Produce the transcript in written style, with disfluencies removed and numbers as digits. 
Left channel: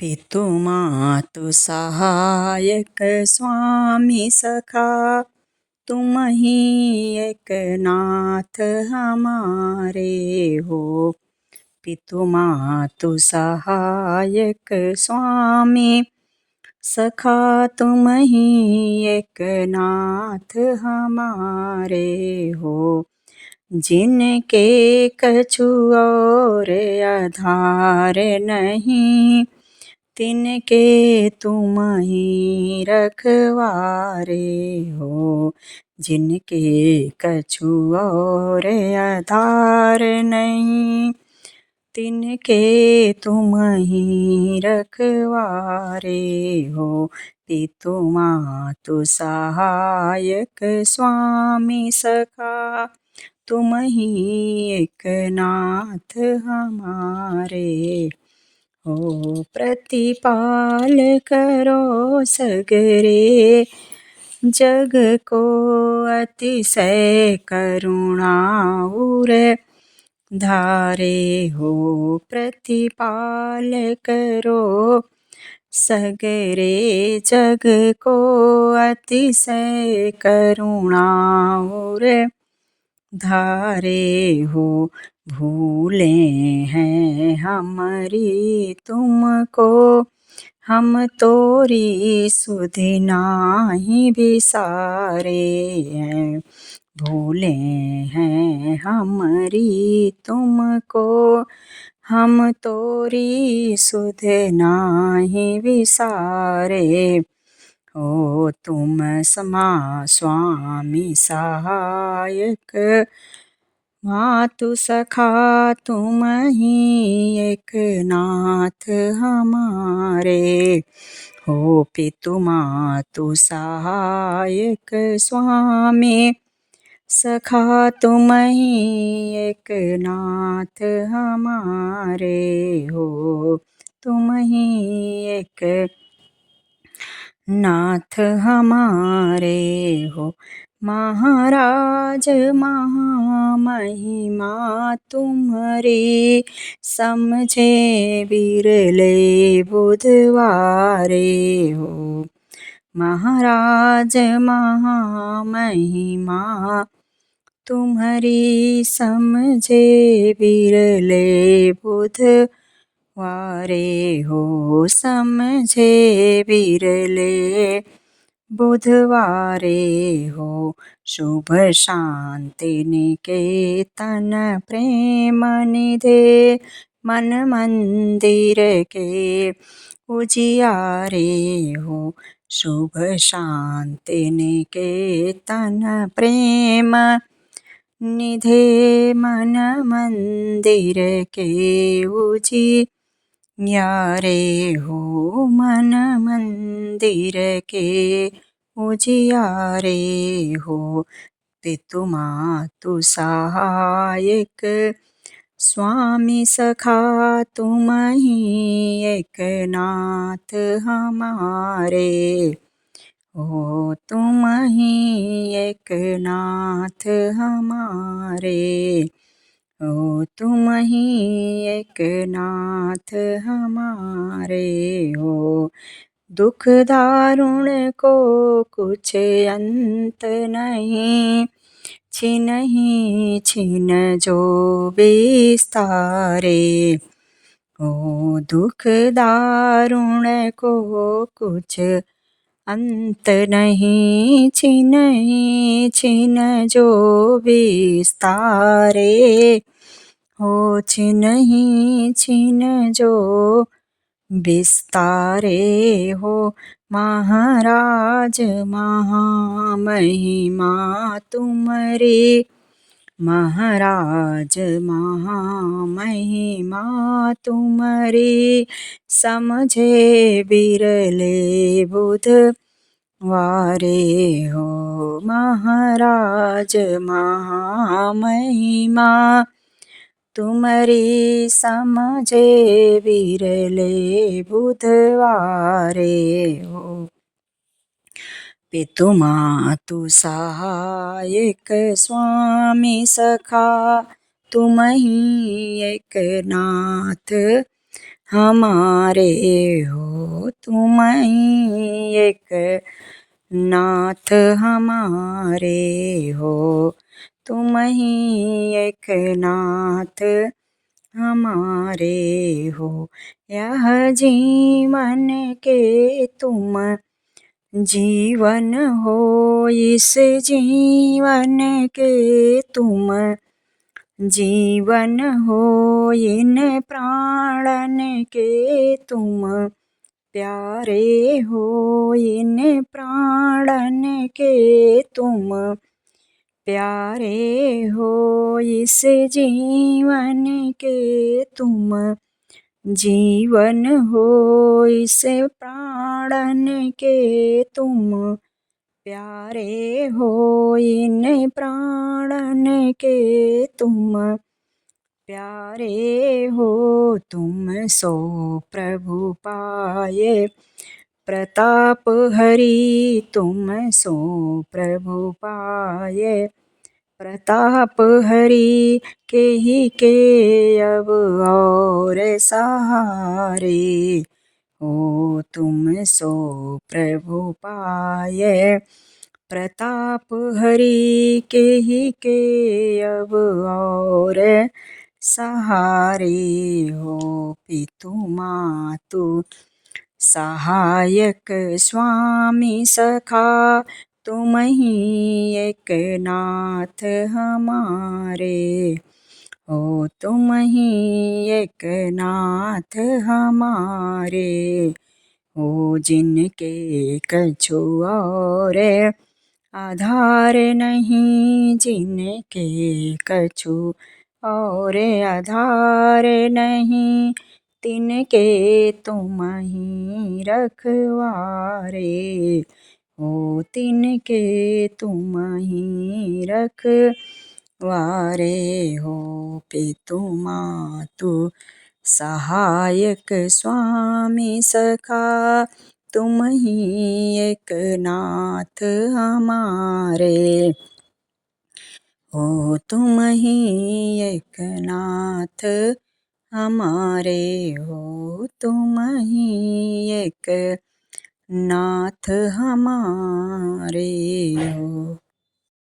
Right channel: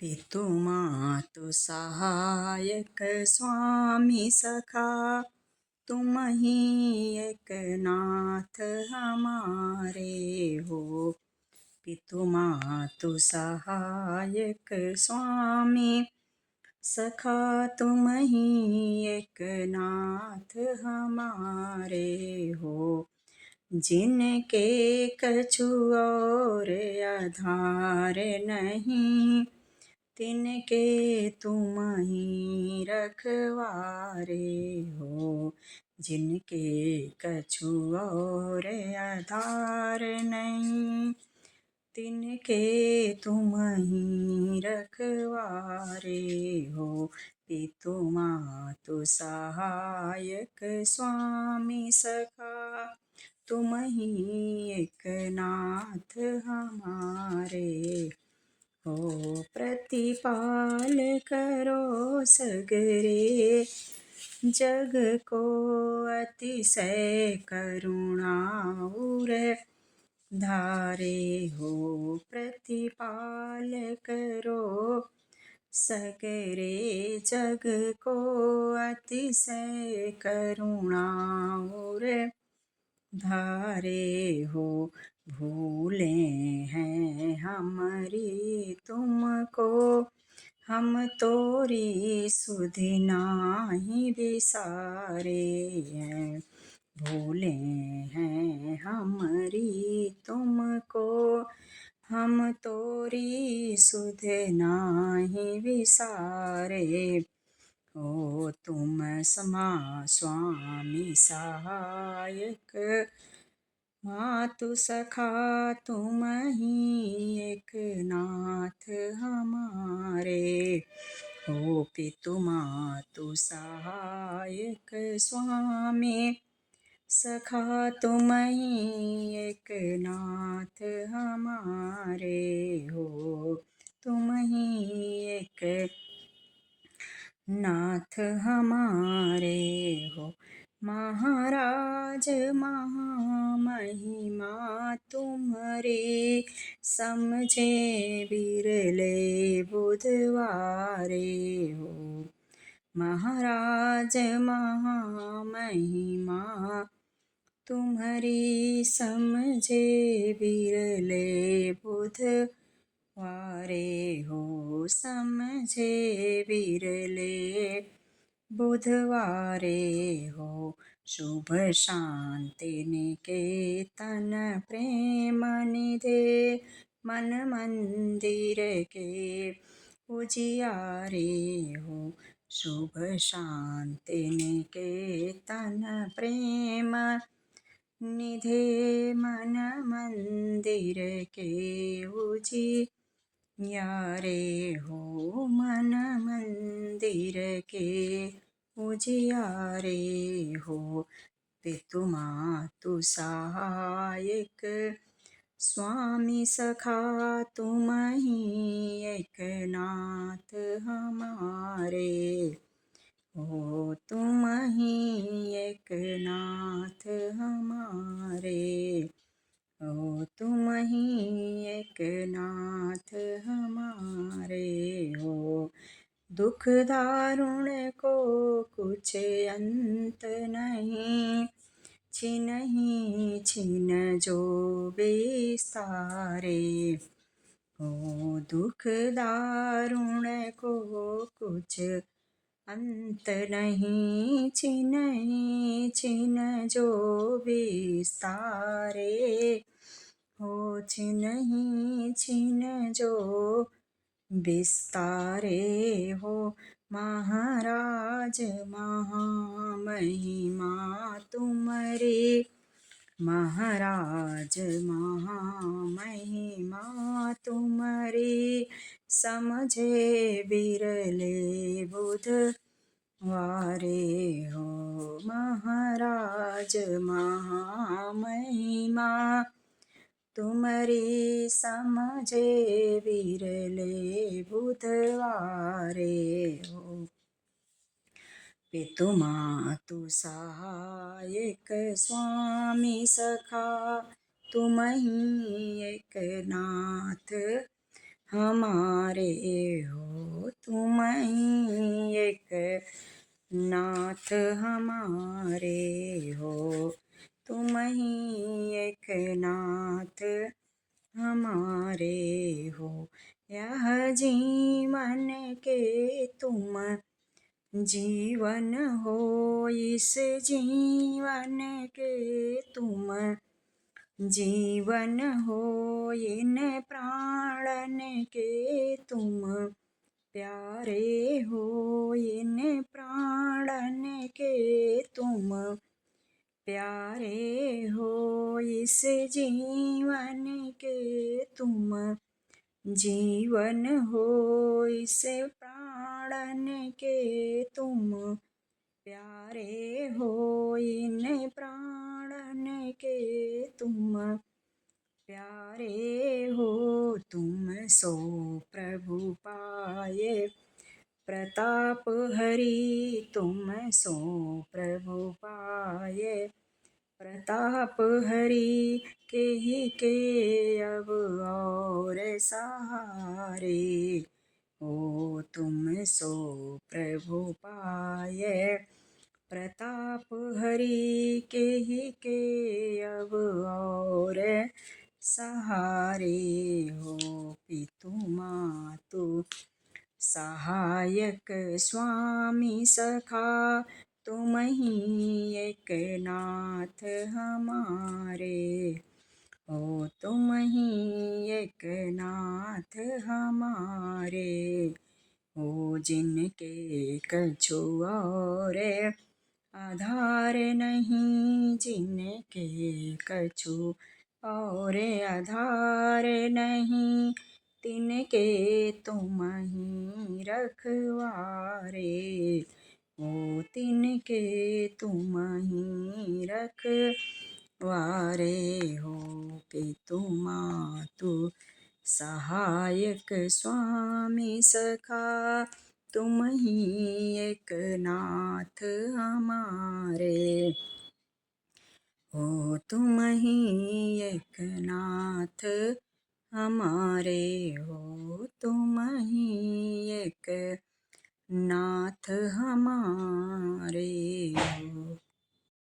पितु मातु सहायक स्वामी सखा, तुम ही एक नाथ हमारे हो। पितु मातु सहायक स्वामी सखा, तुम ही एक नाथ हमारे हो। जिनके कछु और आधार नहीं, तिनके तुम ही रखवारे हो। जिनके कछु और आधार नहीं, तिनके तुम ही रखवारे हो। पितु मातु सहायक स्वामी सखा, तुम ही एक नाथ हमारे हो। प्रतिपाल करो सगरे जग को, अतिशय करुणा उर धारे हो। प्रतिपाल करो सगरे जग को, अतिशय करुणा उर धारे हो। भूले हैं हमारी तुमको, हम तोरी सुधि नाही बिसारे हैं। भूले हैं हमारी तुमको, हम तोरी सुध नाही बिसारे हो। तुम समा स्वामी सहायक मातु सखा, तुम ही एक नाथ हमारे हो। पितु मातु सहायक स्वामी सखा, तुम ही एक नाथ हमारे हो। तुम ही एक नाथ हमारे हो। महाराज महामहिमा तुम्हारी, समझे बिरले बुधवारे हो। महाराज महामहिमा तुम्हारी, समझे बिरले बुधवारे हो। समझे बिरले बुधवारे हो। शुभ शांति निकेतन प्रेम निधे, मन मंदिर के उजियारे हो। शुभ शांति निकेतन प्रेम निधे, मन मंदिर के उजियारे हो। मन मंदिर के उजियारे हो। पितु मातु सहायक स्वामी सखा, तुम ही एक नाथ हमारे हो। तुम ही एक नाथ हमारे हो। तुम ही एक नाथ हमारे हो। दुख दारुण को कुछ अंत नहीं, छिनहि छिन जो बिस्तारे हो। दुख दारुण को कुछ अंत नहीं, छिनहि छिन जो बिस्तारे हो। छिनहि छिन जो बिस्तारे हो। महाराज महामहिमा तुम्हारी, महाराज महामहिमा तुम्हारी, समझे बिरले बुधवारे हो। महाराज महामहिमा तुम्हारी, समझे बिरले बुधवारे हो। पितु मातु सहायक स्वामी सखा, तुम ही एक नाथ हमारे हो। तुम ही एक नाथ हमारे हो। तुम ही एक नाथ हमारे हो। यह जीवन के तुम जीवन हो। इस जीवन के तुम जीवन हो। इन प्राणन के तुम प्यारे हो। इन प्राणन के तुम प्यारे हो। इस जीवन के तुम जीवन हो। इस प्राणन के तुम प्यारे हो। इन प्राणन के तुम प्यारे हो। तुम सो प्रभु पाए प्रताप हरि। तुम सो प्रभु पाए प्रताप हरि। के ही के अब और सहारे हो। तुम सो प्रभु पाए प्रताप हरि। के ही के अब और सहारे हो। पितु मातु सहायक स्वामी सखा। तुम ही एक नाथ हमारे हो। तुम ही एक नाथ हमारे हो। जिनके कछु और आधार नहीं। जिनके कछु और आधार नहीं। तिनके तुम ही रखवारे हो। तिनके तुम ही रखवारे हो। पितु मातु सहायक स्वामी सखा। तुम ही एक नाथ हमारे हो। तुम ही एक नाथ हमारे हो। तुम ही एक नाथ हमारे हो।